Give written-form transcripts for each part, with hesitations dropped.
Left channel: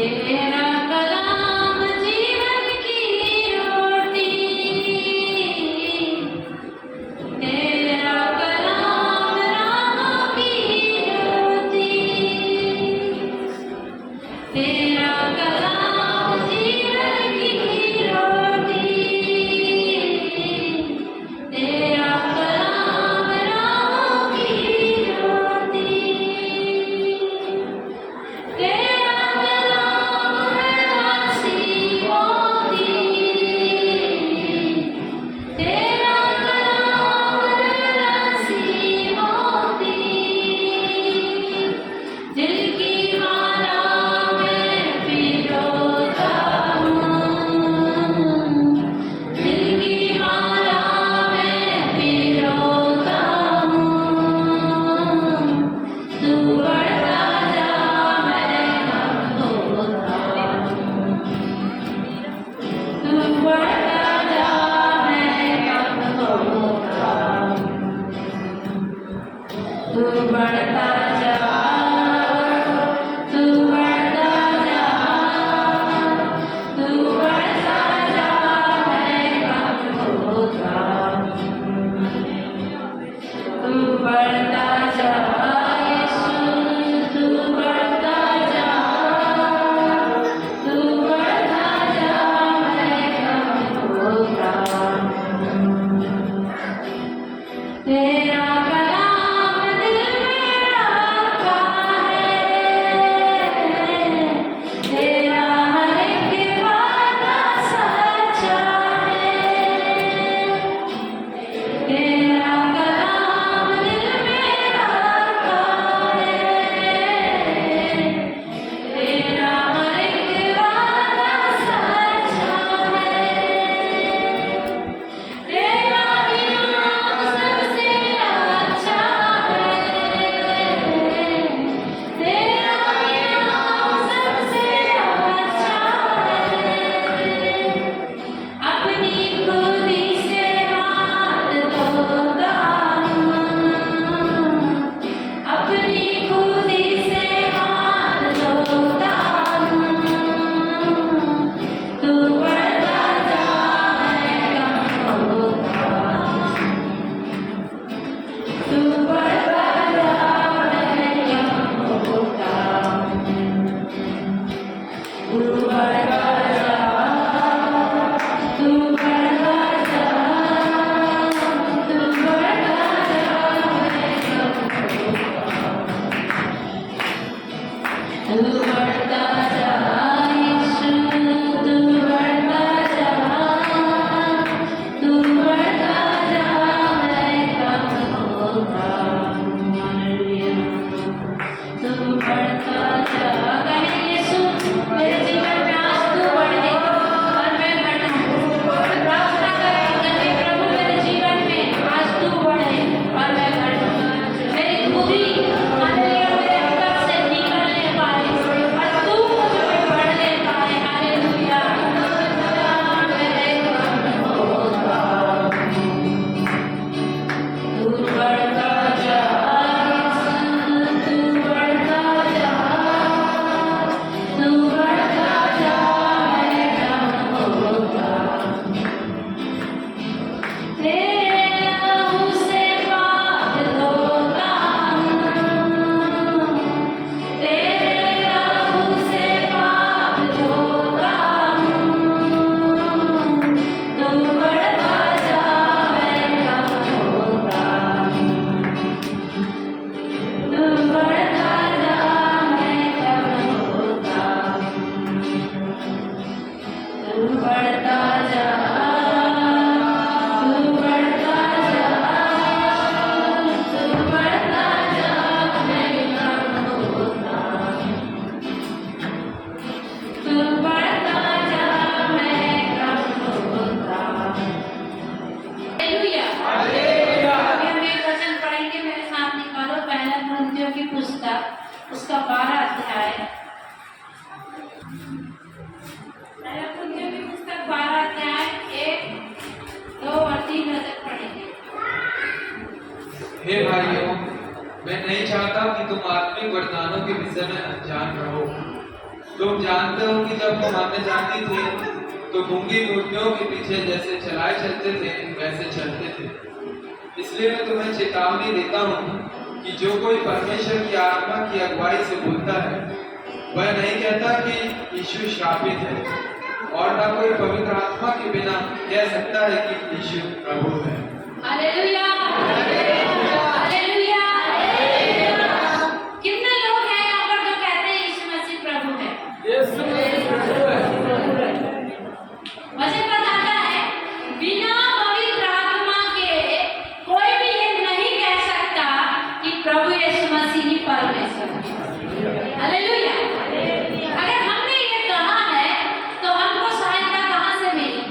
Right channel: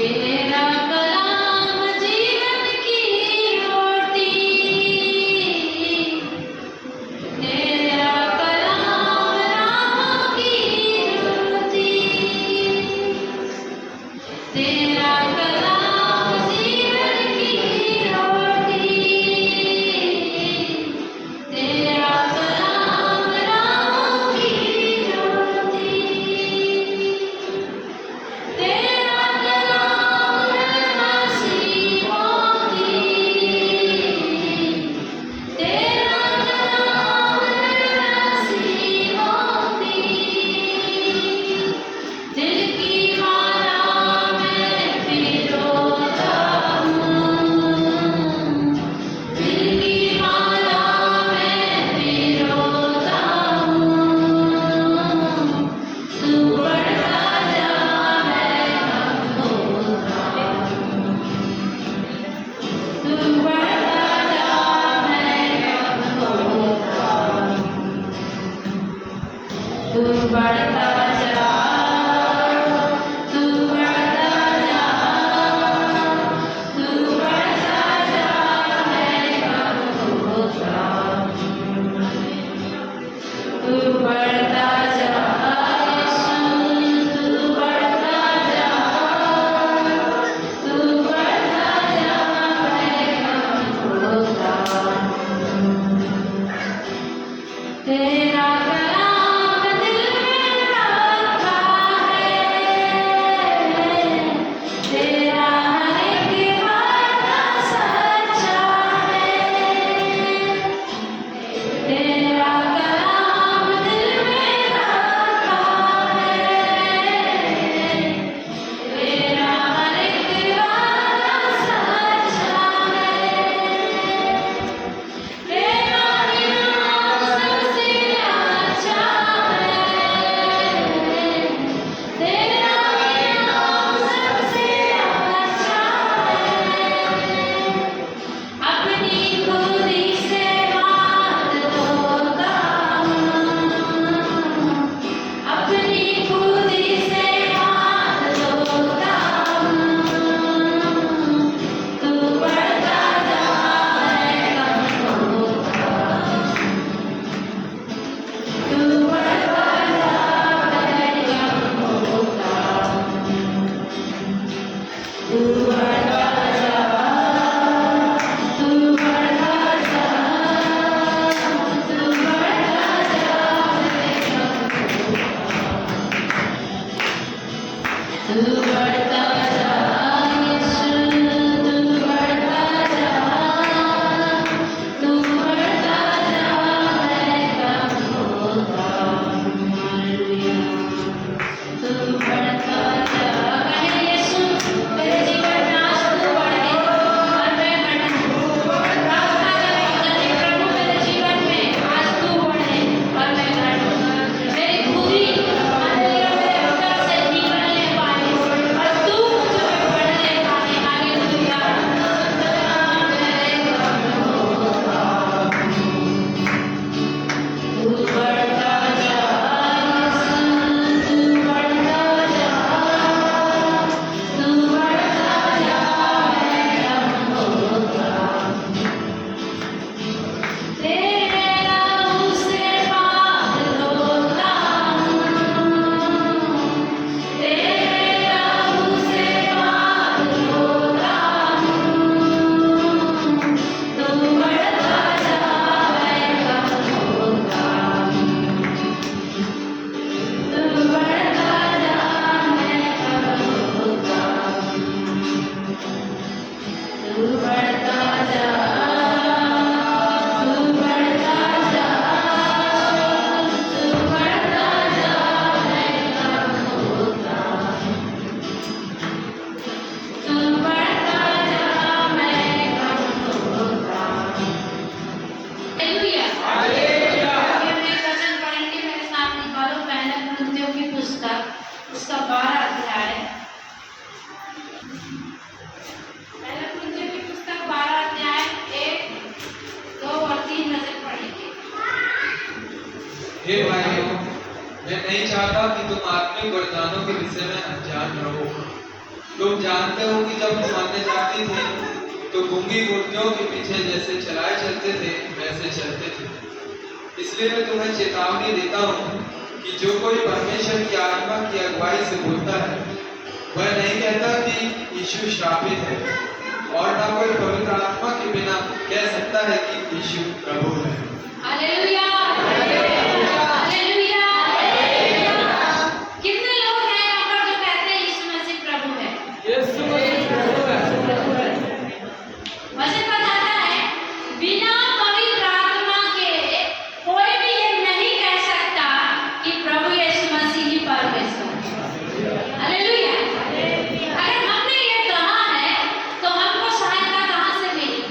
तेरा कलाम जीवन की रोटी, तेरा कलाम राह की ज्योति, तेरा कलाम जीवन की रोटी, तेरा कलाम राह की ज्योति, तेरा कलाम है नसीबों की, तेरा कलाम है नसीबों की, जिनकी माला मैं पिरोता हूँ, जिनकी माला मैं पिरोता हूँ, तू बढ़ता जा मैं कम होता हूँ, तू बढ़ता जा मैं कम होता हूँ, तू बढ़ता जा, तू बढ़ता जा, तू बढ़ता जा मैं कम होता हूँ, तू बढ़ता जा यीशु, तू बढ़ता जा, तू बढ़ता जा मैं कम होता हूँ, तेरा कलाम दिल में रखा है, तेरा हर एक वादा सच्चा है, तेरा कलाम दिल में रखा है, तेरा हर एक वादा सच्चा है, तेरा इनाम सबसे अच्छा है, तेरा इनाम सबसे अच्छा है, अपनी खुदी से हाथ धोता हूँ, अपनी खुदी से हाथ धोता हूँ, तू बढ़ता जा मैं कम होता हूँ, तू बढ़ता जा मैं कम होता हूँ, तू बढ़ता जा, तू बढ़ता जा, तू बढ़ता जा मैं कम होता हूँ, तू बढ़ता जा यीशु, तू बढ़ता जा, तू बढ़ता जा मैं कम होता हूँ, हालेलुया, तू बढ़ता जा, कहे यीशु मेरे जीवन में आज तू बढ़े और मैं बढ़ूं, प्रार्थना करें प्रभु मेरे जीवन में आज तू बढ़े और मैं बढ़ूं, मेरी खुदी मेरे अंदर से निकलने पाए और तू मुझ में बढ़ने पाए, हालेलुया, मैं कम होता हूँ, तू बढ़ता जा यीशु, तू बढ़ता जा, तू बढ़ता जा मैं कम होता हूँ, तेरे लहू से पाप धोता हूँ, तेरे लहू से पाप धोता हूँ, तू बढ़ता जा मैं कम होता हूँ, तू बढ़ता जा मैं कम होता हूँ, तू बढ़ता जा, तू बढ़ता जा, तू बढ़ता जा मैं कम होता हूँ, तू बढ़ता जा मैं कम होता हूँ, हालेलुया, हालेलुया, हम एक वचन पढ़ेंगे, मेरे साथ निकालो पहला कुरिन्थियों की पुस्तक उसका 12 अध्याय, पहला कुरिन्थियों की पुस्तक 12 अध्याय 1, 2 और 3 वचन पढ़ेंगे। हे भाइयों, मैं नहीं चाहता कि तुम आत्मिक वरदानों के विषय में अनजान रहो। तुम जानते हो कि जब तुम अन्य जाति थे तो गूंगी मूर्तियों के पीछे जैसे चलाए चलते थे वैसे चलते थे। इसलिए मैं तुम्हें चेतावनी देता हूँ कि जो कोई परमेश्वर की आत्मा की अगुवाई से बोलता है वह नहीं कहता कि यीशु श्रापित है, और ना कोई पवित्र आत्मा के बिना कह सकता है कि यीशु प्रभु है। Hallelujah, hallelujah. कितने लोग हैं यहाँ पर जो कहते हैं यीशु मसीह प्रभु है? वचन बताता है बिना पवित्र आत्मा के कोई भी ये नहीं कह सकता कि प्रभु यीशु मसीह ही परमेश्वर है। हालेलुया। अगर हमने ये कहा है तो हमको सहायता कहाँ से मिली?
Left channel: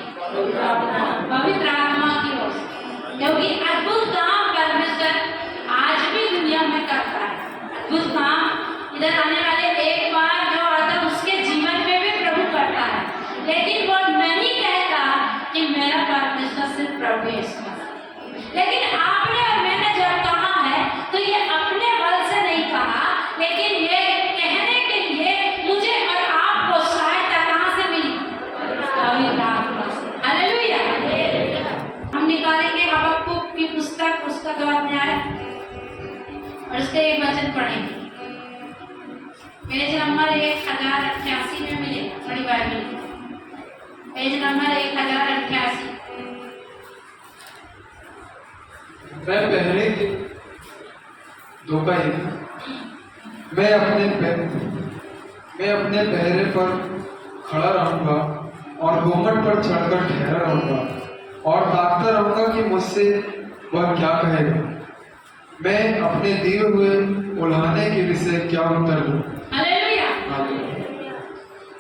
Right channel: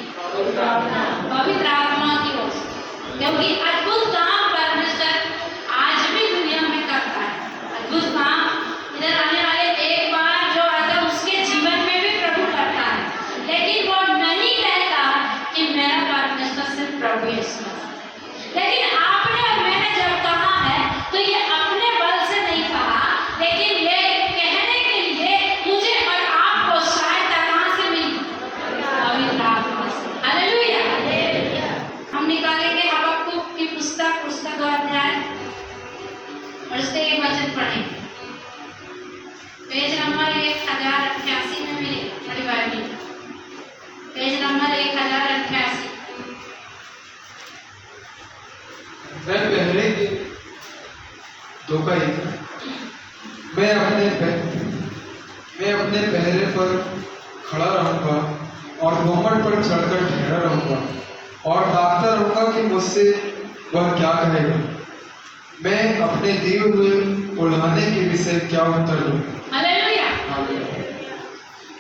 पवित्र आत्मा की ओर से। क्योंकि अद्भुत काम परमेश्वर आज भी दुनिया में करता है। अद्भुत काम इधर आने वाले एक बार जो आता है उसके जीवन में भी प्रभु करता है, लेकिन वो नहीं कहता कि मेरा परमेश्वर सिर्फ प्रभु यीशु मसीह। लेकिन आपने और मैंने जब कहा है तो ये अपने बल से नहीं कहा, लेकिन ये कहने के लिए मुझे और आपको सहायता कहाँ से मिली? पवित्र आत्मा से। हालेलुया। हम निकालेंगे हबक्कुक की पुस्तक, उसका 2 अध्याय और उसके एक वचन पढ़ेंगे। पेज नंबर 1088 में मिले बड़ी बाइबल, पेज नंबर 1088। मैं पहले के 2 का 1 मैं अपने पहरे पर खड़ा रहूंगा और घूंघट पर चढ़कर ठहरा रहूंगा और ताकता रहूंगा कि मुझसे वह क्या कहेगा। मैं अपने दिए हुए उल्हाने के विषय क्या उत्तर दूं? हालेलुया।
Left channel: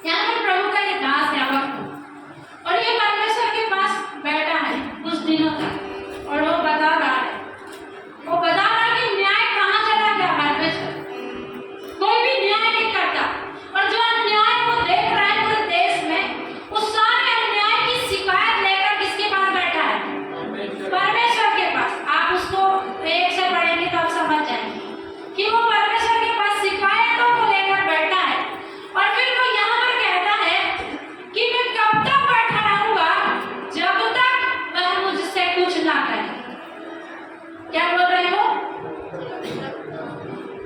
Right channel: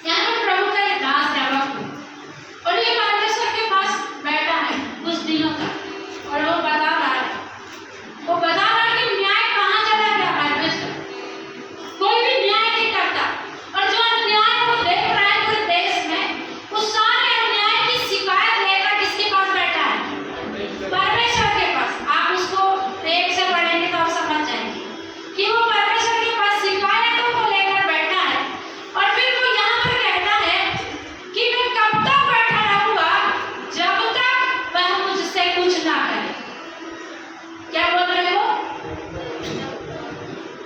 यहाँ पर प्रभु का एक दास है हबक्कुक, और ये परमेश्वर के पास बैठा है कुछ दिनों तक, और वो बता रहा है कि न्याय कहाँ चला गया परमेश्वर। कोई भी न्याय नहीं करता, और जो अन्याय को देख रहा है पूरे देश में, उस सारे अन्याय की शिकायत लेकर किसके पास बैठा है? परमेश्वर के पास। आप उसको एक से पढ़ेंगे तो आप समझ जाएंगे कि वो परमेश्वर के पास शिकायतों को लेकर बैठा है। और फिर वो यहाँ पर कहता है कि मैं कब तक बैठा रहूंगा जब तक वह मुझसे कुछ ना करे। क्या बोल रहे हो?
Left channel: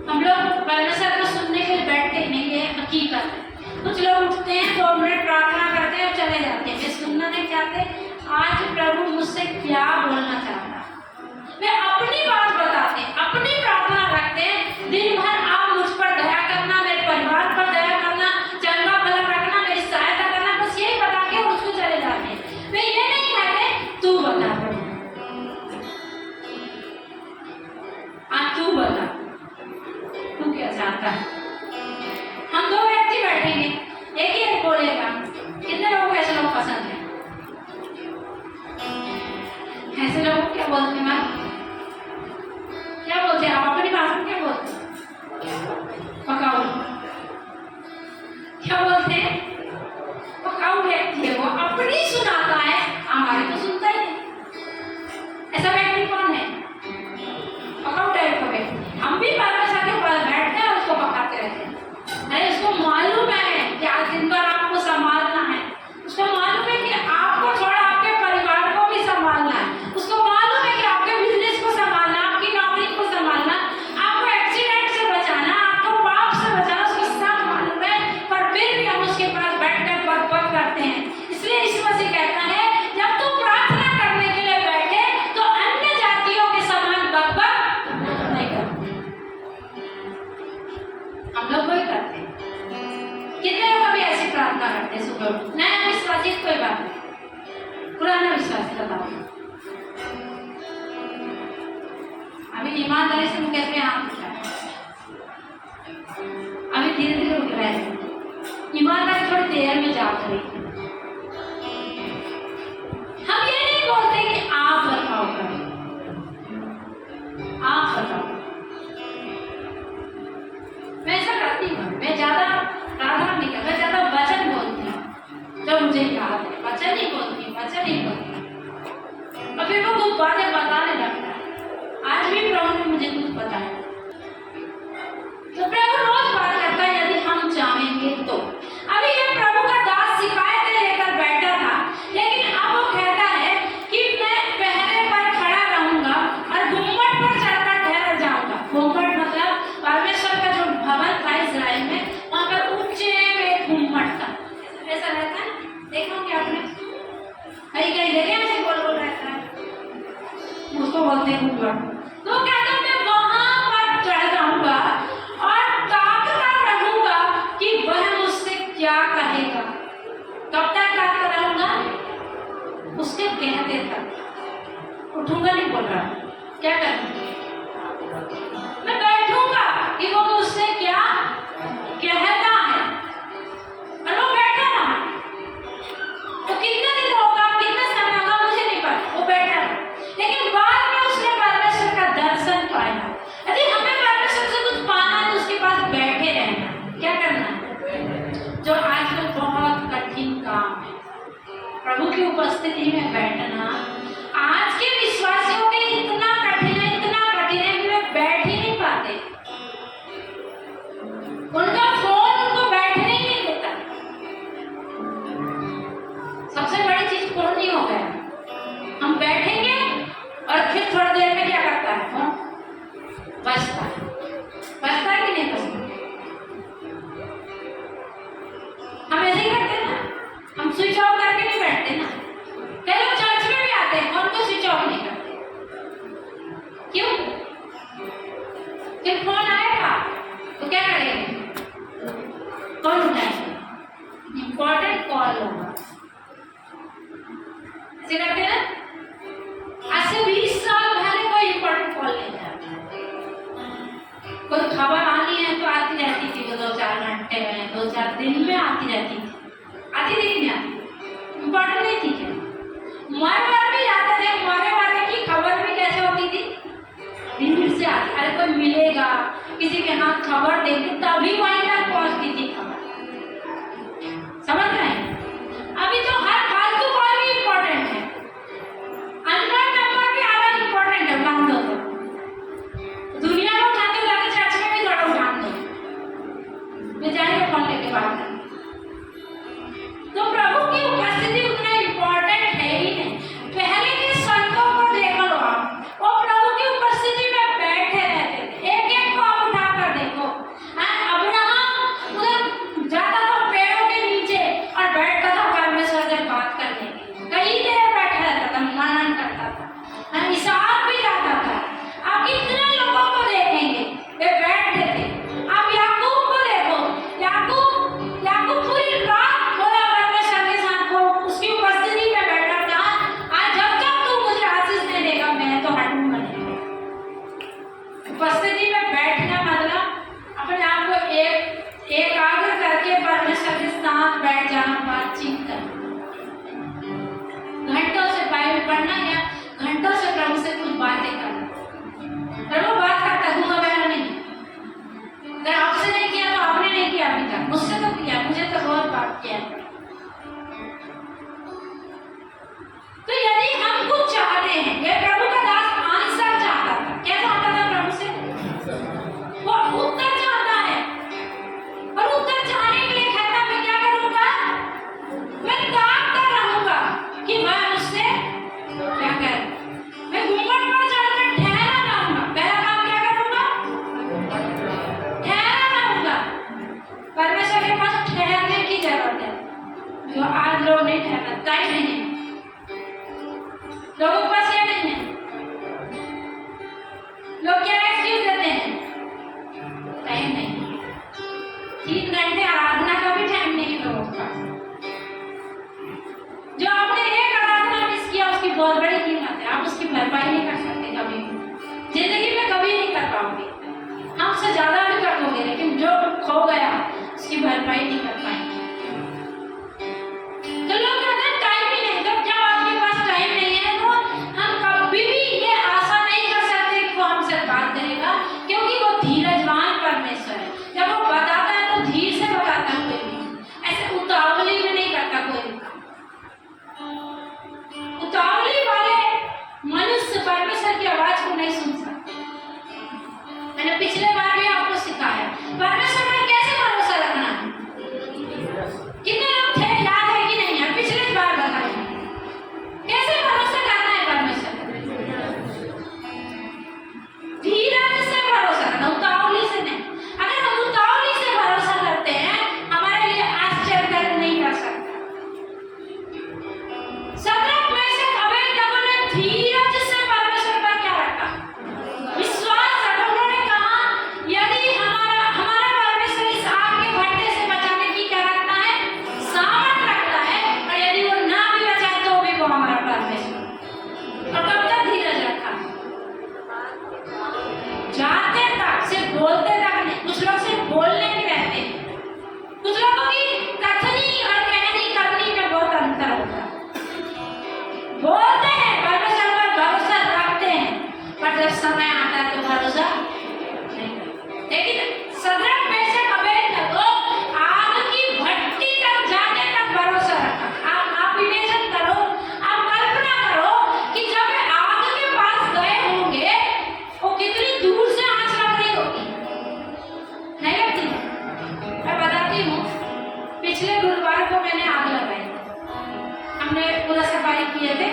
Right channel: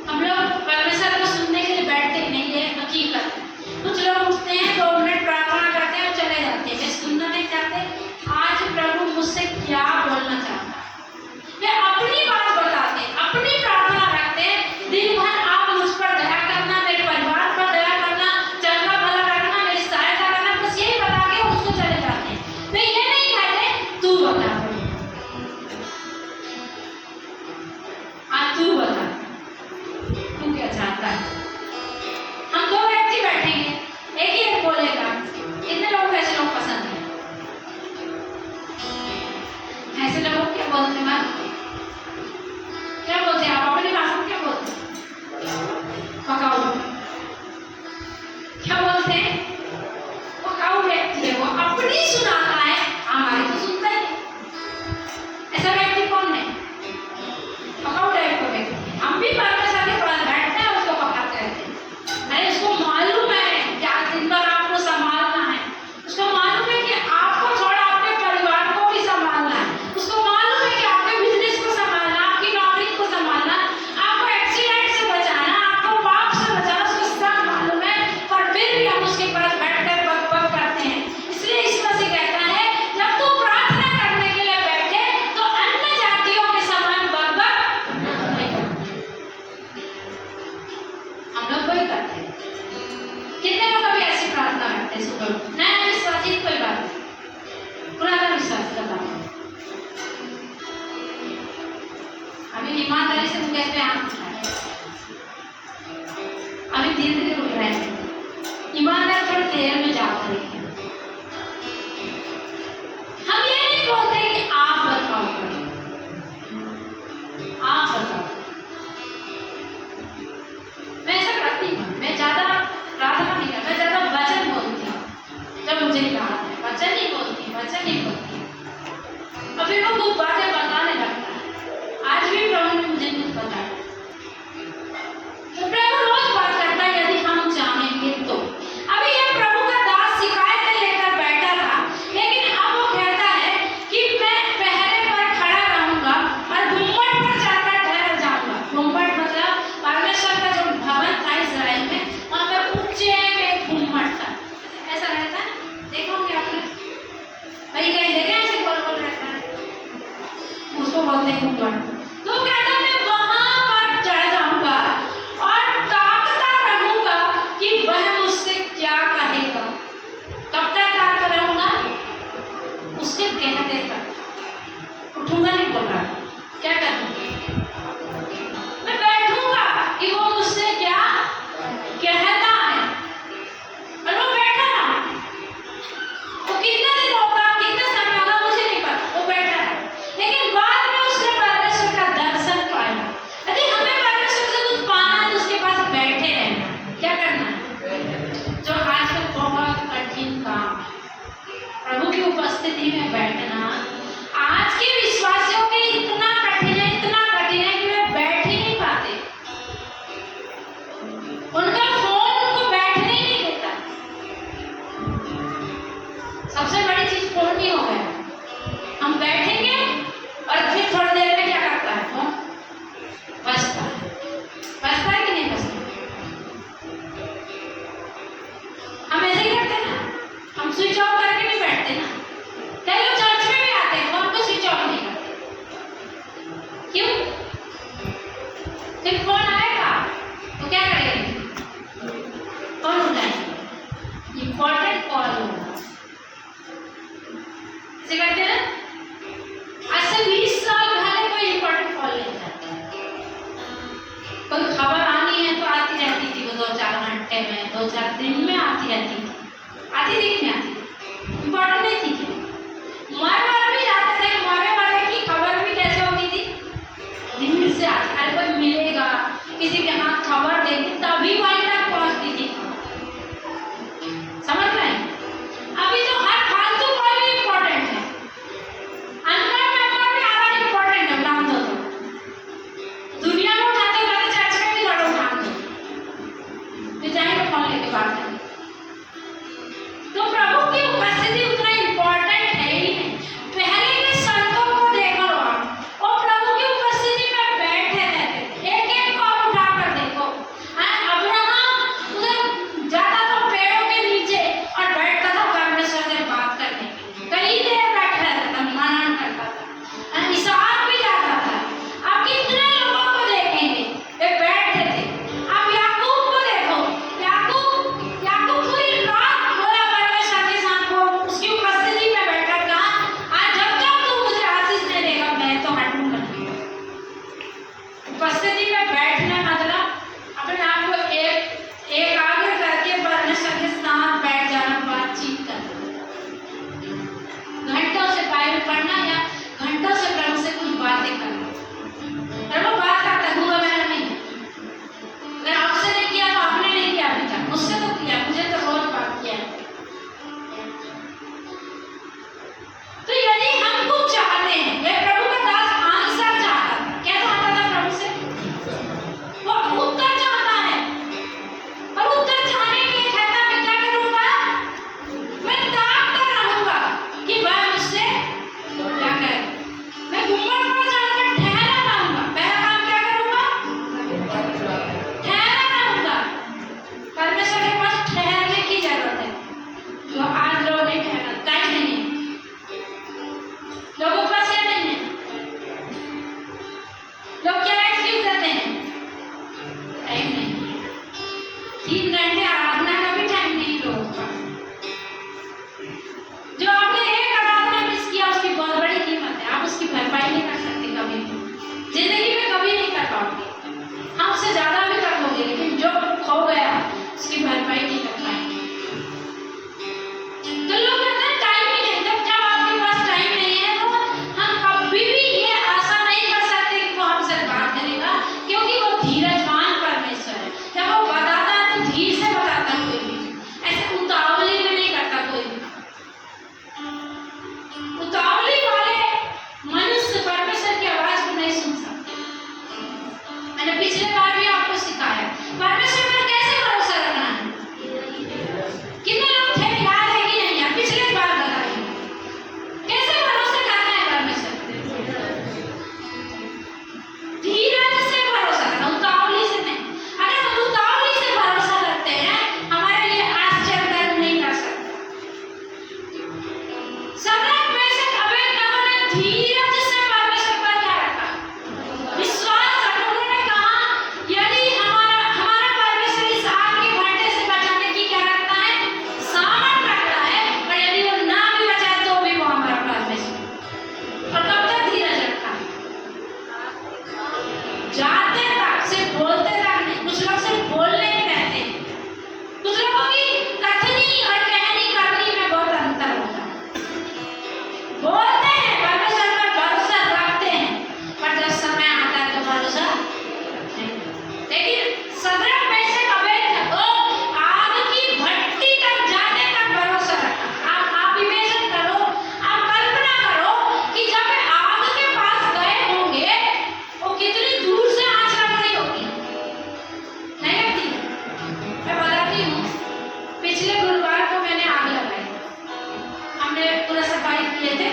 हम लोग परमेश्वर को सुनने के लिए बैठते नहीं, ये हकीकत है। कुछ लोग उठते हैं 2 मिनट प्रार्थना करते हैं और चले जाते हैं, वे सुनना नहीं चाहते आज प्रभु मुझसे क्या बोलना चाहता है। वे अपनी बात बताते हैं, अपनी प्रार्थना रखते हैं, दिन भर आप मुझ पर दया करना, मेरे परिवार पर दया करना, चंगा भला रखना, मेरी सहायता करना, बस यही बता के उसको चले जाते हैं। वे ये नहीं कहते तू बता, आज तू बता तू क्या चाहता है। हम 2 व्यक्ति बैठेंगे, एक ही बोलेगा। कितने लोगों को ऐसे लोग पसंद है? ऐसे लोग क्या बोलते हैं? क्या बोलते हैं आप अपनी भाषा में? क्या बोलते हैं? पकाऊ। क्या बोलते हैं? पकाऊ व्यक्ति है वो, अपनी सुनाता है, हमारी तो सुनता ही नहीं। ऐसा व्यक्ति कौन है? पकाऊ टाइप का व्यक्ति। हम भी परमेश्वर के पास बैठते हैं, उसको पकाते रहते हैं। अरे उसको मालूम है क्या दिन भर आपको संभालना है, उसको मालूम है कि आपको छोड़ा आपके परिवार को भी संभालना है, उसको मालूम है कि आपके बिजनेस को संभालना, आपकी नौकरी को संभालना, आपको एक्सीडेंट से बचाना, आपको पाप से बचाना, उसको सब मालूम है। पर फिर भी हम उसके पास बैठकर बकबक करते हैं। इसलिए यीशु मसीह कहता है जब तू प्रार्थना करने के लिए बैठे तो अन्य जातियों के समान बकबक नहीं करते। हम लोग कोई करते हैं। कितने लोग अभी ऐसी प्रार्थना करते हैं सुबह? नया विश्वासी कोई बात नहीं, पुराना विश्वास बताओ। अभी ईमानदारी से मुझे पे हाथ उठाए, अभी धीरे धीरे रुक रहे हैं। ईमानदारी थोड़ी देर में जाओ करेंगे। हम ये नहीं बोलते कि आप बताओ करो, आप बताओ। मैं ऐसा करती हूँ, मैं ज्यादा प्रार्थना नहीं करती, मैं ज्यादा वचन बोलती हूँ। जब मुझे कहा है वचन नहीं बोलती, वचन नहीं बोलती, और फिर वो कुछ बातें बताने लगता है। आज भी प्रभु ने मुझे कुछ बताया, तो प्रभु रोज बात करता है। यदि फिर फोन आएगा तो क्या करेंगे? कौन उठाएगा? इंपॉर्टेंट कॉल होगा, ऐसे करते हैं ना। आज से 20 साल पहले कोई इंपॉर्टेंट कॉल नहीं था, कोई खबर आनी है तो आती रहती थी, वो 2-4 घंटे में 2-4 दिन में आती रहती थी, आती थी नहीं आती, इंपॉर्टेंट नहीं थी क्या? मर भी जाते थे, मरे की खबर भी कैसे होती थी? दिन से आती, अरे कोई मिलेगा, किसी के हाथ खबर देगी तभी वहीं तक पहुंचती थी खबर, समझ रहे हैं? अभी तो हर फालतू कॉल भी इंपॉर्टेंट है, अननोन नंबर भी आना इंपॉर्टेंट है, नाम दो तो दुनिया में जाते जाते चर्च में भी जाओ, नाम दो वे जाएंगे फोन लेके बात करें। तो प्रभु की उपस्थिति उतना इंपॉर्टेंट है ही नहीं। पहले के संतों को देखो आप, वो प्रभु की उपस्थिति में बैठे रहते थे, एक एक को आप उठा कर देखो। अब्राहम उधर जाता था पेड़ों के नीचे और बैठता था परमेश्वर से बात करने, कई देर बैठा रहता था, मनन करता था। इसहाक भी जाता था, आप कितने लोगों को देखेंगे वे बैठे थे। आप याकूब को देखो, याकूब पूरी रात बोला परमेश्वर के साथ, वो उसकी उपस्थिति में बैठा था, आज जब तक तू मुझे आशीष नहीं देगा मैं तो हटूंगा नहीं। उपस्थिति में बैठना मतलब अपने आप को एकाग्र करके परमेश्वर के साथ बैठ जाना, बातचीत करना, घंटों से बाइबल पढ़ना या घंटों से प्रभु से कुछ बातें करना। प्रभु बात करता दूंगा, मैंने नहीं, अगर आपसे नहीं किया तो आपने नहीं किया अभी तक, मुझसे तो किया, मुझे तो रोज बात किया है। तो यदि हम कुछ चाहते हैं, ये प्रभु का दास आंसर चाहता था, क्या चाहता था प्रभु से? वो उत्तर चाहता है, और उत्तर चाहने के लिए कहता मैं क्या करूंगा? मैं ताकता रहूंगा कि वह मुझसे क्या करे। मैं घूंघट पर चढ़कर ठहरा रहूंगा, पहला काम क्या करूंगा? ठहरा रहूंगा। परमेश्वर के पास ठहरने की जरूरत है, जो आज लोग नहीं ठहरा, टाइम नहीं है लोगों के पास, ये नहीं है। लोग क्या एक्सक्यूज देते हैं? टाइम नहीं है, 3 घंटे आराधना का भी टाइम नहीं है लोगों के पास। जो आपने एक आराधना मिस किया उसकी बहुत बड़ी कीमत है, आप उसकी भरपाई नहीं कर सकते कभी भी, जिंदगी में कभी नहीं कर पाओगे। हमसे ज्यादा भी कर लोगे लेकिन जो खो गया उसकी भरपाई नहीं कर पाएंगे। तो लोग कहते हैं टाइम ही नहीं, जब आपके पास टाइम नहीं है तो हम कभी भी ये आशा नहीं कर सकते कि वो हमसे बात करेगा, क्योंकि वो धीरजवान परमेश्वर है। जब वो बताता है तो धीरे से बताता है, कोई भी ऐसे उतावली में नहीं करता कोई भी। उतावली वाले मनुष्य परमेश्वर की आवाज को नहीं सुन सकते। मैंने पिछले बार भी आपको सिखाया परमेश्वर पर कैसे भरोसा रखना है। कितने लोग थे, याद है कि नहीं यार? पिछले बार बताया कैसे भरोसा करना है परमेश्वर पर। धीरज से भरोसा करना, उतावली से नहीं। अगर हम उतावली से भरोसा करते हैं हमारे लिए आश्चर्य नहीं कर सकते। सदरक मेशक अबेदनगो ने धीरज से परमेश्वर पर क्या रखा? विश्वास रखा। उन्होंने कहा यदि हमारा परमेश्वर इस आग के घंटे से बचाने की क्या रखता है? सामर्थ रखता है, और यदि वो ना भी बचाए तो भी वो हमारा परमेश्वर। और कब तक धीरज रखा? जाते तक, सिर्फ बोलते तक नहीं। कुछ लोग सिर्फ बोलने में रहते हैं, कुछ लोगों की कथनी और कहनी करनी में बहुत अंतर होता है। बोलते हैं परमेश्वर पर भरोसा रखते हैं, पर जब समय आता है तो भरोसा नहीं करते। लेकिन सदरक मेशक अबेदनगो आग की भट्टी तक जाने तक भरोसा रखा। आप इमेजिन करो, आप कल्पना करो कि जब आग के पास गए होंगे वो कितनी दूर से आंच लग रही होगी, नहीं लगती? मैं बताती हूँ, पिछले गुरुवार को मैंने आग लगाई। हमने पूरा सफाई किए थे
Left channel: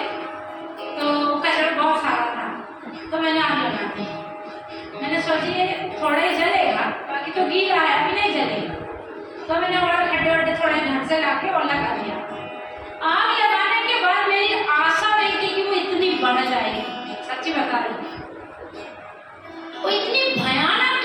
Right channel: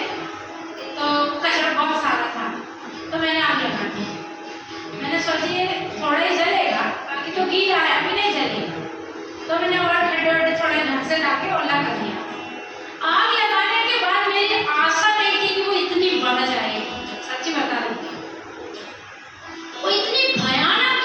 तो कचरा बहुत सारा था, तो मैंने आग लगा दी। मैंने सोची ये थोड़ा ही जलेगा, बाकी तो गीला है, अभी नहीं जलेगा। तो मैंने और खड्डे थोड़े घर से लाके और लगा दिया। आग लगाने के बाद मेरी आशा नहीं थी कि वो इतनी बढ़ जाएगी, सच्ची बता रही हूँ। वो इतनी भयानक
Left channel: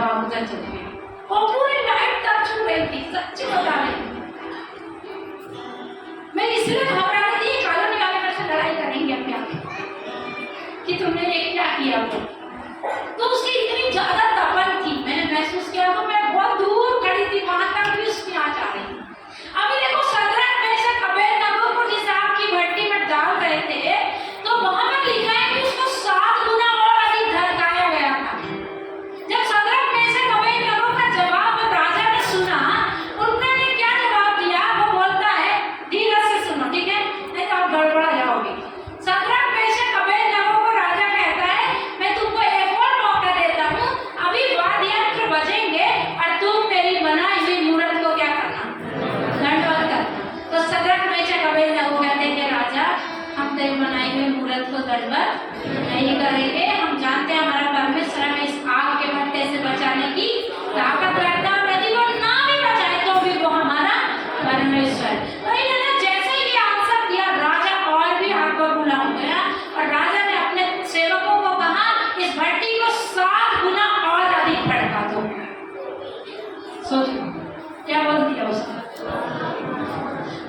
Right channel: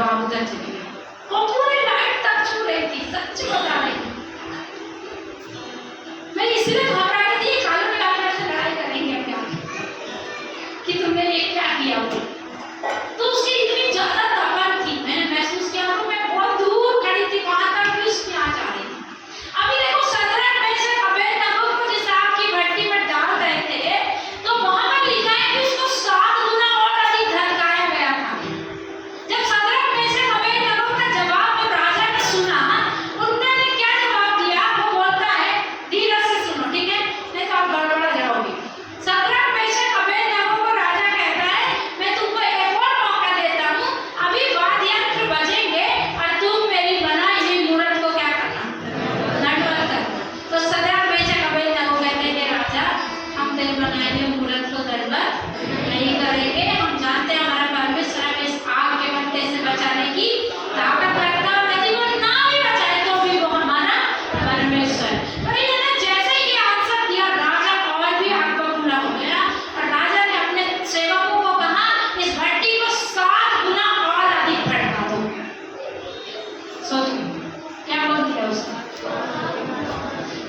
जवाब उधर चले गए। वो पूरी नाइट तक छू रही थी, सच बता रही हूँ। मैं इसलिए घबरा रही थी, कालू निकाल कर से लड़ाई करेंगे अपने आप कि तुमने ये क्या किया वो। तो उसकी इतनी ज्यादा तपन थी, मैंने महसूस किया तो मैं बहुत दूर खड़ी थी, वहां तक भी उसकी आंच आ रही थी। अभी देखो सदरक मेशक अबेदनगो को जिस आग की भट्टी में डाल रहे थे, तो वहां पर लिखा है कि उसको 7 गुना और अधिक धड़काया गया था। जब सदरक मेशक अबेदनगो का जवाब और राजा ने सुना, उन्होंने क्या जवाब दिया, वो बोलता है, धीरज से सुनो, ठीक है, नहीं तो आप गड़बड़ा जाओगे। सदरक मेशक अबेदनगो को राजा कहता है, मैं तुमको एक और मौका देता हूँ, अभी वाद्ययंत्र बजेंगे और तुम मेरी बनाई हुई मूर्त को क्या करना, दंडवत कर। तो सदरक मेशक अबेदनगो कहते हैं कि राजा, हम तेरी बनाई हुई मूर्त को दंडवत नहीं करेंगे, हम जानते हैं हमारा परमेश्वर हमें इस आग के भट्टे से बचाने की ताकत रखता है, और यदि वो ना भी बचाए तो भी वो हमारा परमेश्वर। तो इन्होंने जैसे ही आंसर दिया, राजा और भी आग बबूला हो गया, और राजा ने अपने सेवकों को कहा, इस भट्टी को 7 गुना और अधिक भड़का दो। सोचो क्या बोल दिया उसने।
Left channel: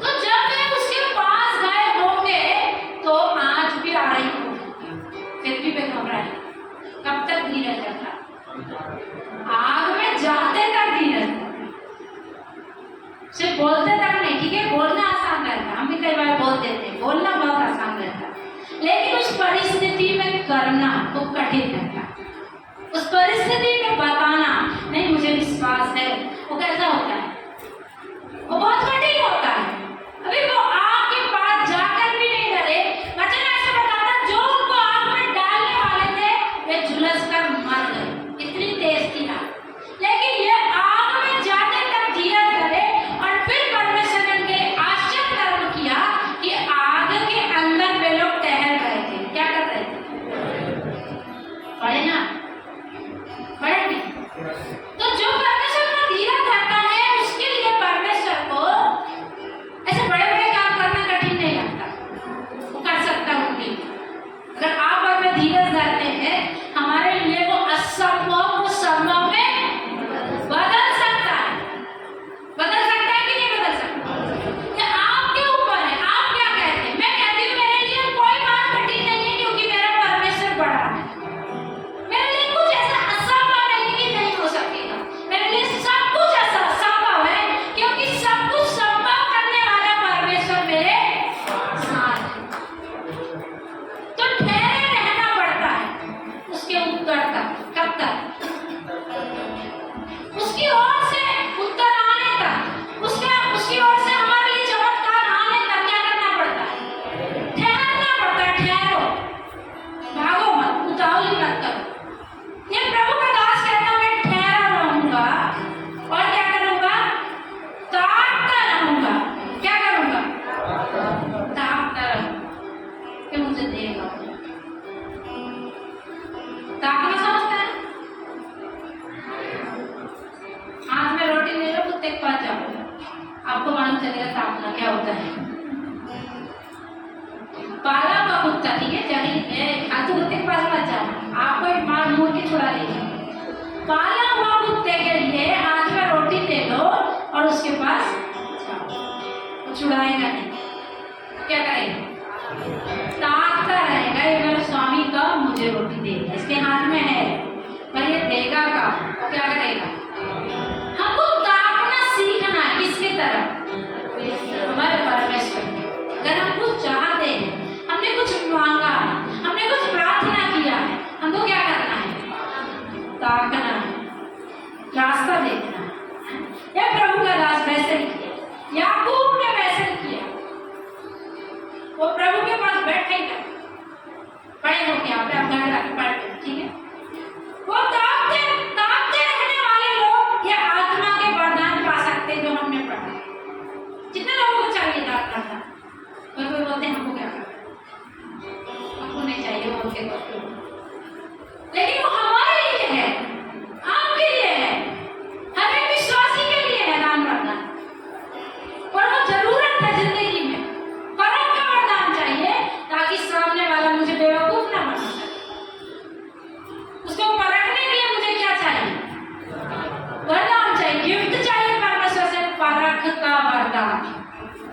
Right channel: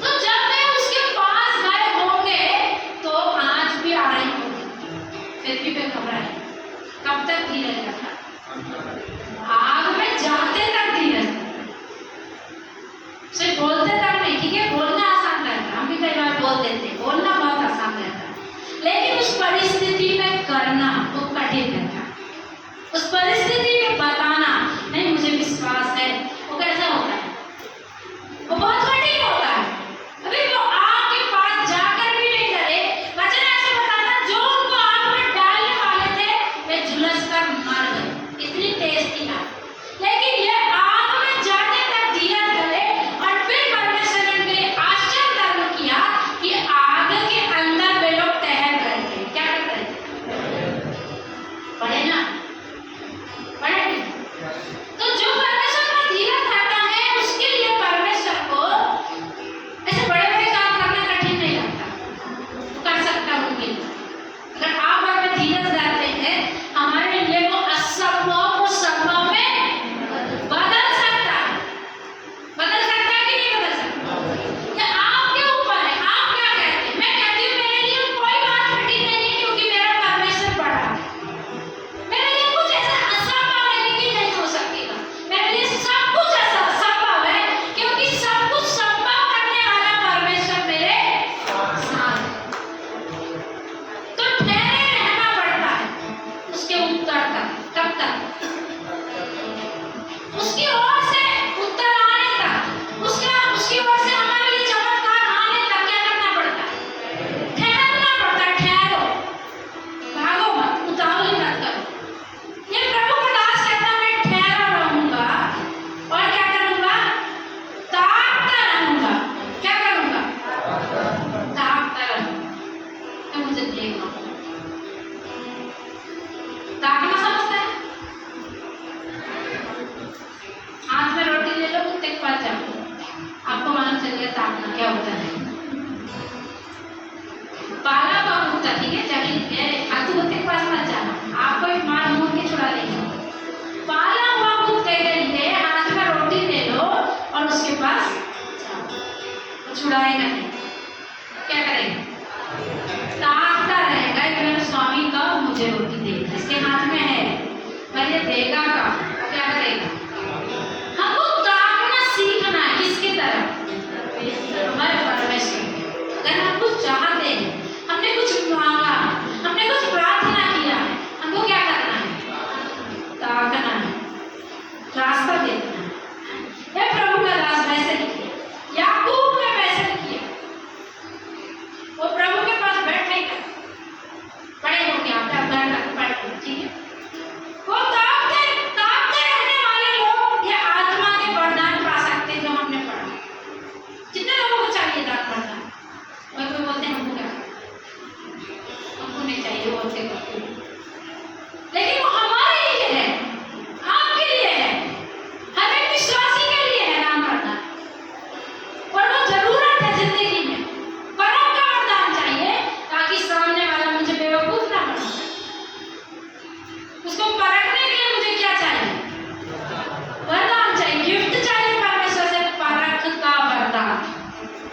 तो जब वे उसके पास गए होंगे तो आंच भी आ रही होगी, फिर भी वे घबराए। कब तक धीरज रखा? आग में जाते तक धीरज रखा। सिर्फ बोलते तक नहीं, ठीक है, बोलना आसान रहता, हम भी कई बार बोल देते, बोलना बहुत आसान रहता, लेकिन उस परिस्थिति में करना वो कठिन रहता। उस परिस्थिति में बताना, नहीं मुझे विश्वास है, वो कैसा होता है, वो बहुत कठिन होता है। अभी वो आग के पास जाकर भी नहीं डरे। वचन ऐसे बताता, जो उनको आग में डालने वाले थे वे झुलस कर मर गए, इतनी तेज थी आग। लेकिन ये आग में जाने तक धीरज धरे, और फिर परमेश्वर ने इनके लिए आश्चर्य कर्म किया कि आग के अंदर वे लोग तैर रहे थे। क्या कर रहे थे? पढ़े ना, पढ़े नहीं? तो जो परमेश्वर में धीरज धरता है, उसके लिए परमेश्वर को ऐसे बड़े बड़े काम करना कठिन नहीं लगता, वो कर सकता है उनके लिए। अगर आप और मैं धीरज धरते हैं, हमारे लिए वो असंभव को संभव में बदल सकता है। बदल सकता है कि नहीं बदल सकता? ये आपके ऊपर है, आप क्या कहते हैं। मैं कहती हूँ मेरे लिए कोई बात कठिन नहीं है, क्योंकि मेरा परमेश्वर बड़ा है। मेरे लिए कुछ ऐसा असंभव नहीं कि नहीं हो सकेगा, मेरे लिए सब कुछ ऐसा संभव है, क्योंकि सब कुछ संभव करने वाला परमेश्वर मेरे साथ है। तो ठहरे रहना पड़ता है उसके उत्तर तक। कब तक? उसकी ओर से उत्तर आने तक, उसकी ओर से हमारे लिए चमत्कार आने तक क्या करना पड़ता है? ठहरना पड़ता है। ठहरो, भागो मत, उतावली मत करो। ये प्रभु का दास कहता, मैं ठहरा रहूंगा और क्या करूंगा? ताकता रहूंगा। क्या करूंगा? ताकता रहूंगा। तो मुझे देखना, ताकना समझता है? हाथ में रोटी ले लो, कुत्ते के पास जाओ, आपको मालूम चलेगा ताकना क्या होता है। पाला हुआ कुत्ता, ठीक है, चलिए तू कुत्ते के पास मत जाना, आपको एक मार मुंह की छुड़ा लेंगे। पाला हुआ कुत्ते के लिए हाथ में रोटी ले लो और उसके पास जाओ, छुड़ाएगा नहीं, क्या करेगा? ताकता रहेगा, ये मेरा स्वामी कब मुझे रोटी देगा, इसके हाथ में है, पर ये देगा कब, क्या करेगा? हमको ताकना सीखना है। किसकी तरफ? हमारे परमेश्वर की। अगर हम कुछ चाहते हैं, हमने कुछ मांगा, हमने कुछ प्रार्थना किया है, हमको क्या करना है? ताकना है।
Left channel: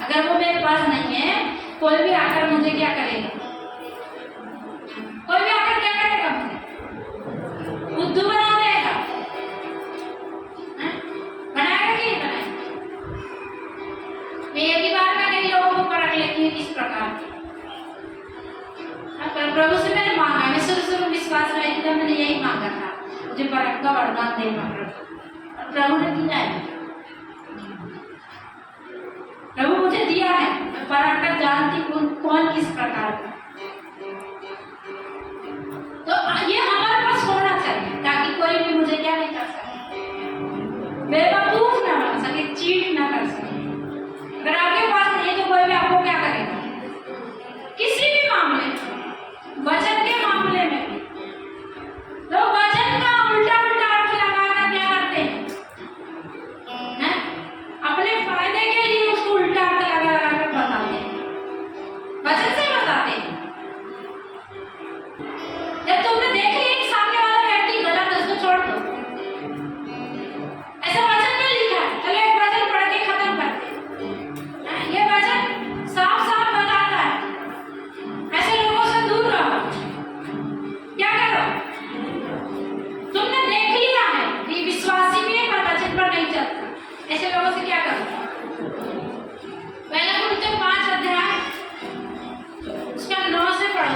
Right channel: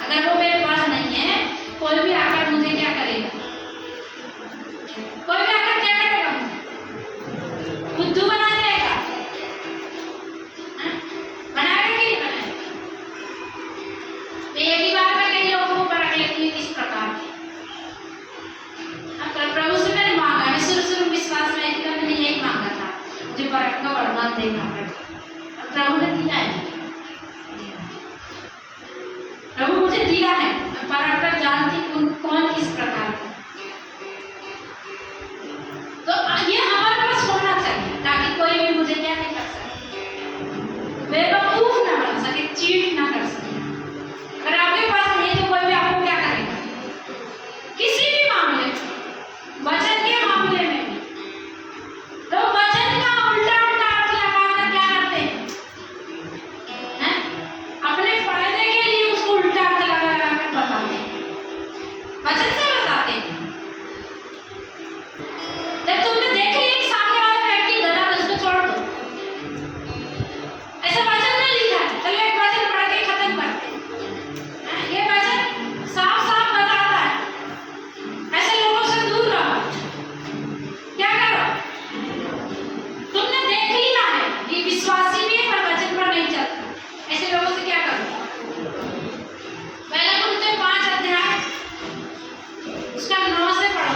अगर वो मेरे पास नहीं है, कोई भी आकर मुझे क्या करेगा? कोई भी आकर क्या करेगा? मुझे बुद्धू बना देगा। हाँ? बनाएगा कि नहीं बनाएगा? मैं एक ही बार में कई लोगों को परख लेती हूँ किस प्रकार के। प्रभु से मैंने मांगा, मैं शुरू विश्वास में था, मैंने यही मांगा था, मुझे परख का वरदान देना। प्रभु ने दिया है, प्रभु मुझे दिया है, मैं परख कर जानती कौन किस प्रकार का। तो ये हमारे पास होना चाहिए ताकि कोई भी मुझे क्या नहीं कर सके, बेवकूफ ना बना सके, चीट ना कर सके। अगर आपके पास नहीं है तो कोई भी आपको क्या करेगा? किसी भी मामले में, वचन के मामले में भी तो वचन का उल्टा अर्थ लगाकर क्या करते हैं? अपने फायदे के लिए उसको उल्टा अर्थ लगा कर बताते हैं, वचन से बताते हैं। जब तुमने देख लिया कि सामने वाला व्यक्ति गलत है, उसको छोड़ दो, ऐसा वचन में लिखा है। चलो एक वचन पढ़ के खत्म करते हैं। ये वचन साफ साफ बताता है, ऐसे लोगों से दूर रहो। क्या करो? तुमने देख लिया है ये विश्वासी भी है पर वचन पर नहीं चलता, ऐसे लोगों से क्या करो? पहला कुरिन्थियों 5 अध्याय उसका 9 से पढ़ो।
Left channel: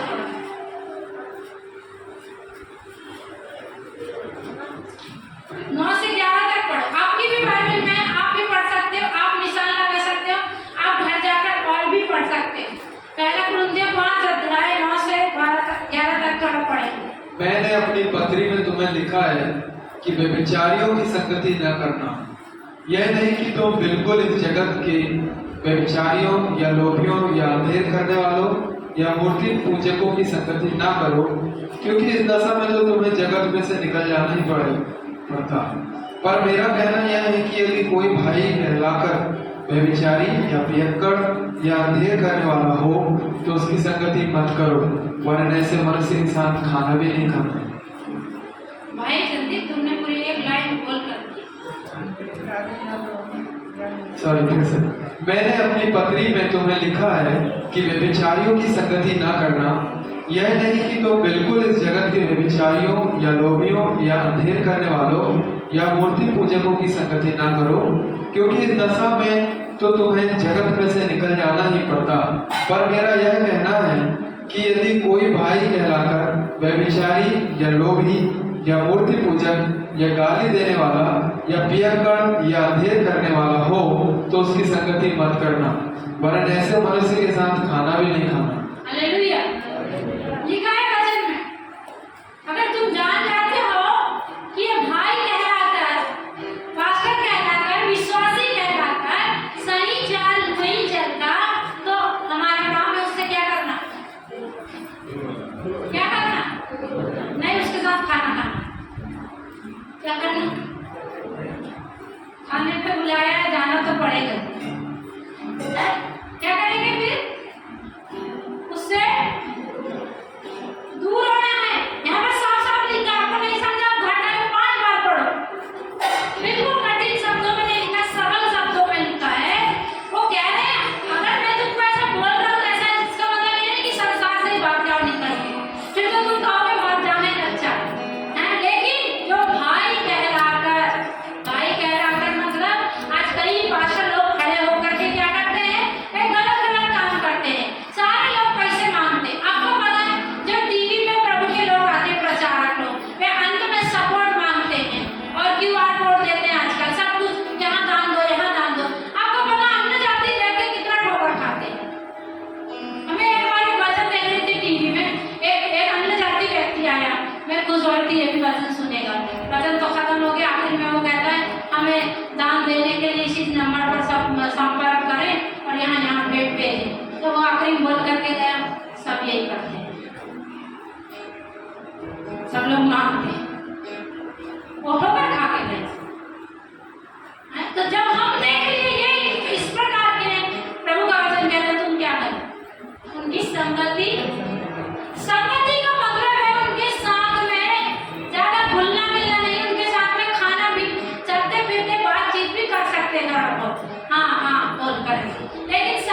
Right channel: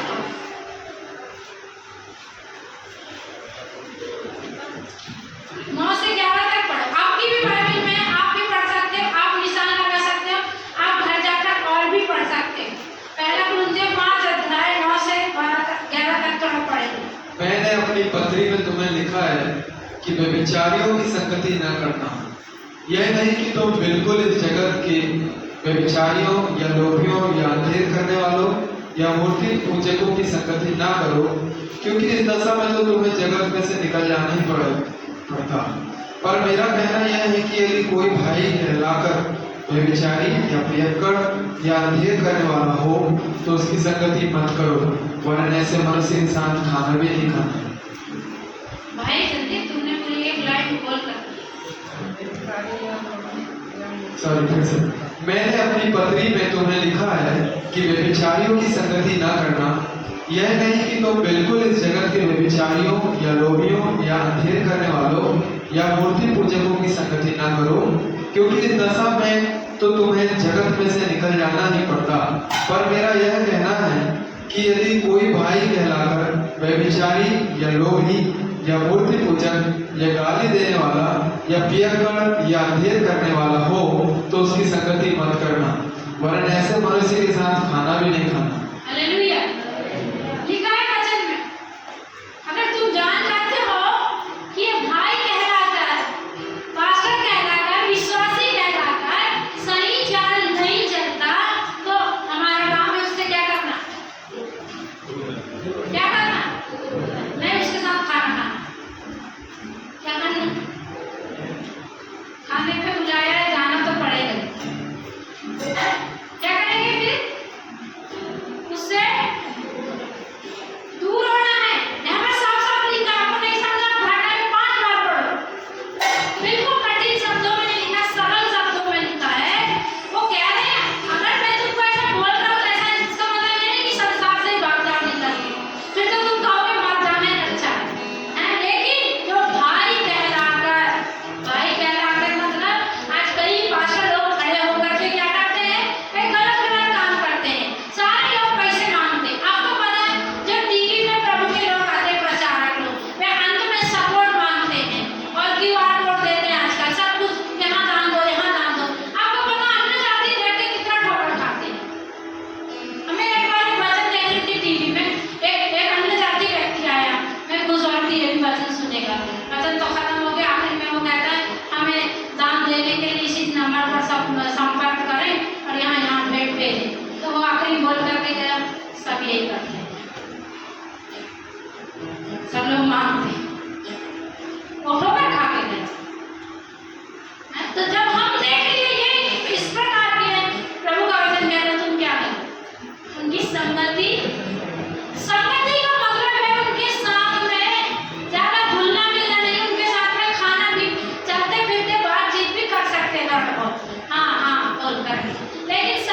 9 से 11 तक पढ़ो। आपकी भी बाइबल में आप भी पढ़ सकते हो, आप निशान लगा सकते हो, आप घर जाकर और भी पढ़ सकते हो। पहला कुरिन्थियों 5 अध्याय 9 से 11 तक तो हम पढ़ेंगे। मैंने अपनी पत्री में तुम्हें लिखा है कि व्यभिचारियों की संगति न करना। यह नहीं कि तुम बिल्कुल इस जगत के व्यभिचारियों या लोभियों या अंधेर करने वालों या मूर्ति पूजकों की संगति ना करो, क्योंकि इस दशा में तो तुम्हें जगत में से निकल जाना ही पड़ता। पर मेरा कहना यह है कि यदि कोई भाई कहलाकर व्यभिचारी या प्रियकर या अंधेर करने वाला हो तो उसकी संगति मत करो, वरन ऐसे मनुष्य के साथ खाना भी नहीं खाना। भाई संदीप, तुमने पूरी एक लाइन बोल कर सॉरी, फिर से। मैंने अपनी पत्री में तुम्हें लिखा है कि व्यभिचारियों की संगति ना करना। यह नहीं कि तुम बिल्कुल इस जगत के व्यभिचारियों या लोभियों या अंधेर करने वालों या मूर्ति पूजकों की संगति ना करो, क्योंकि इस दशा में तो तुम्हें जगत में से निकल जाना ही पड़ता। पर मेरा यह कहना है कि यदि कोई भाई कहलाकर व्यभिचारी या लोभी या मूर्ति पूजक या गाली देने वाला या पियक्कड़ या अंधेर करने वाला हो तो उसकी संगति मत करना, वरन ऐसे मनुष्य के साथ खाना भी नहीं खाना। हालेलुया। लिखा है वचन में, अगर तुम जान जाते हो कि ये भाई कहलाकर, पास्टर कहलाकर, विश्वासी कहलाकर सही चाल नहीं चलता तो हमारे काम में उससे क्या करना? क्या करना? नहीं, उसके साथ खाना खाना। क्या करना? खाने पे बुलाया है, जाना तो पड़ेगा। क्या करेंगे फिर? उससे दूर होना है। यहाँ पर साफ साफ लिखा, आपको नहीं समझा? घाटा में 5 बार पढ़ो। बिल्कुल कठिन शब्दों में नहीं लिखा, सरल शब्दों में लिखा है। वो कह रहे हैं अगर मैं तुमको ऐसा बोल रहा हूँ ऐसा, इसका मतलब ये नहीं कि संसार से भाग जाओ निकल के, फिर तो तुम कहोगे भाग जाने अच्छा है। लेकिन जो भाई कहलाकर मतलब आज कई पास्टर लोग खड़े होकर के क्या करते हैं? एक गलत काम करते हैं। सारे लोग पैसे मांगते हैं। आपको पता है जब टीवी में प्रभु के लोग आते, प्रचारक लोग, वे अंत में सपोर्ट मांगते हैं और QR कोड देते हैं। आजकल सब कुछ यहाँ दान दो, यहाँ दान दो। आपको पता अन्य जाति देख के कितना ठोकर खाते हैं। हमें एक बार वचन दे रही थी टीवी में, एक अन्य जाति व्यक्ति आया, मैं खुश और थी ये भी वचन सुनेगा। वचन तो खत्म हो गया, आखिर में वो कहता है हमें दान देने के लिए इसी नंबर पर संपर्क करें और यहाँ भेंट भेजें। तो वो आखिरी बोल करके गया, सब यही करते हैं, सब लोग मांगते हैं, वो ठोकर खा के गए। तो जब हम देख लिए ये इस प्रकार के प्रभु का वचन कहता, तुम क्या करो? उनकी संगति का मतलब है उनके साथ में ज्यादा घुलना मिलना नहीं, उनके साथ में खाना भी, चलते फिरते बातचीत भी कर सकते हैं, हाँ हाँ बोल कर, लेकिन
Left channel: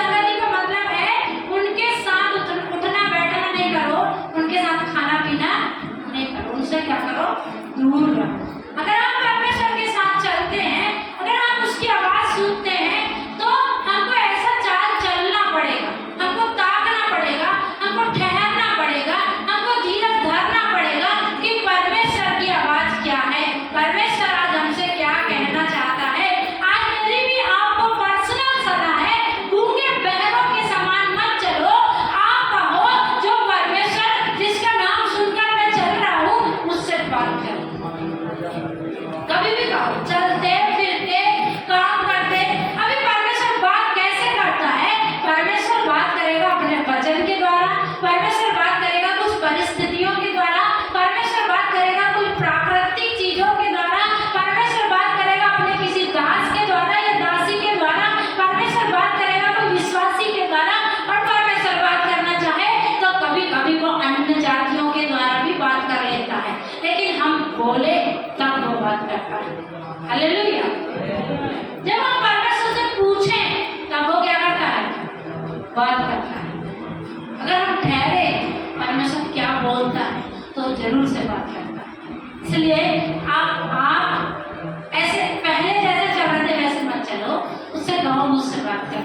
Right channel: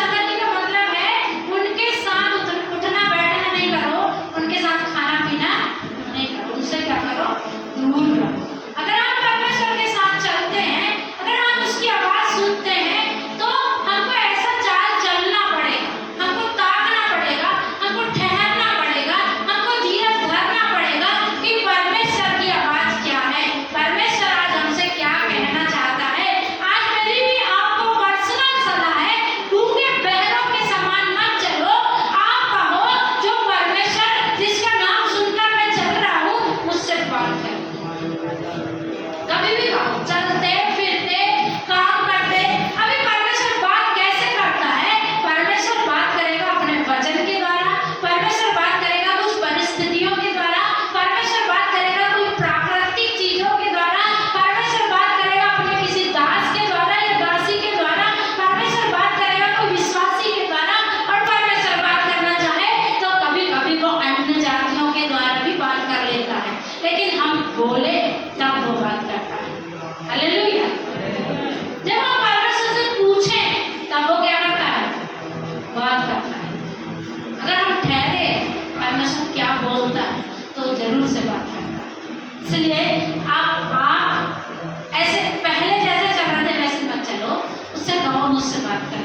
हालेलुया। जब हम परमेश्वर से पूछें तब वो क्या करता है? बात करता है। अगर हम ठहरे परमेश्वर क्या बोलता है तो जरूर से बात करता है। इसलिए आप ऐसे पहले जैसे चल रहे थे वैसे मत चलो, उससे कहो मुझसे बात कर।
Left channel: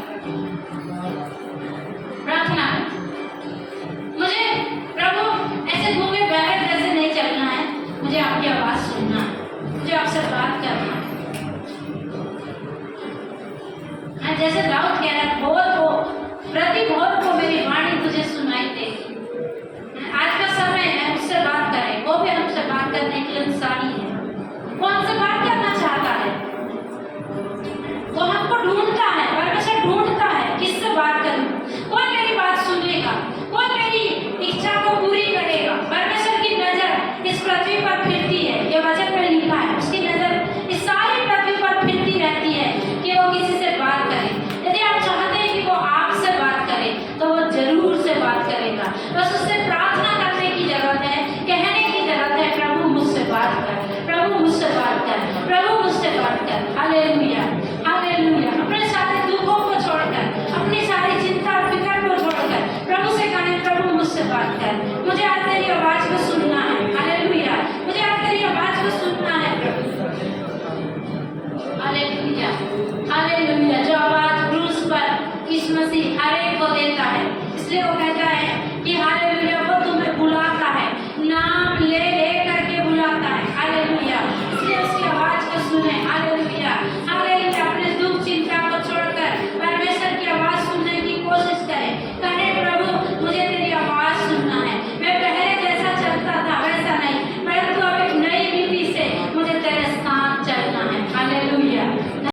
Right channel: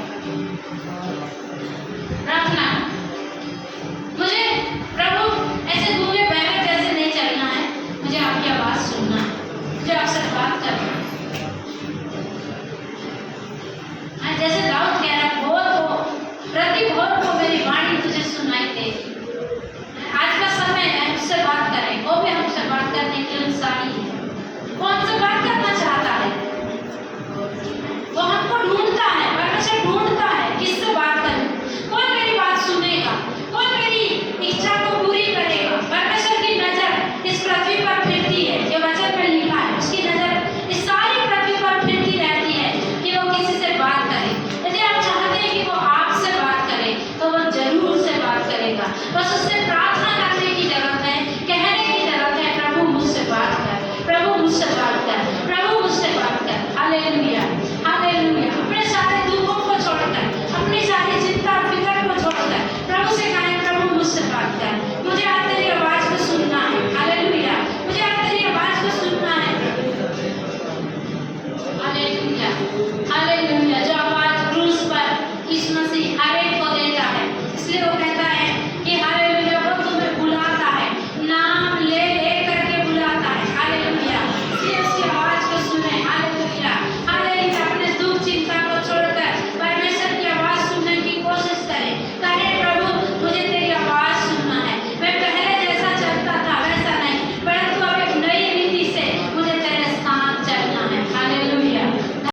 प्रार्थना मुझे प्रभु ऐसे गूंगे बहरे जैसे नहीं चलना है, मुझे आपकी आवाज सुनना है, मुझे आपसे बात करना है। जैसे दाऊद कह रहा है, भोर को प्रति भोर को मेरी वाणी तुझे सुनाई देगी। आज का समय है उससे बात करें, वो भी हमसे बात करने के लिए इंसानी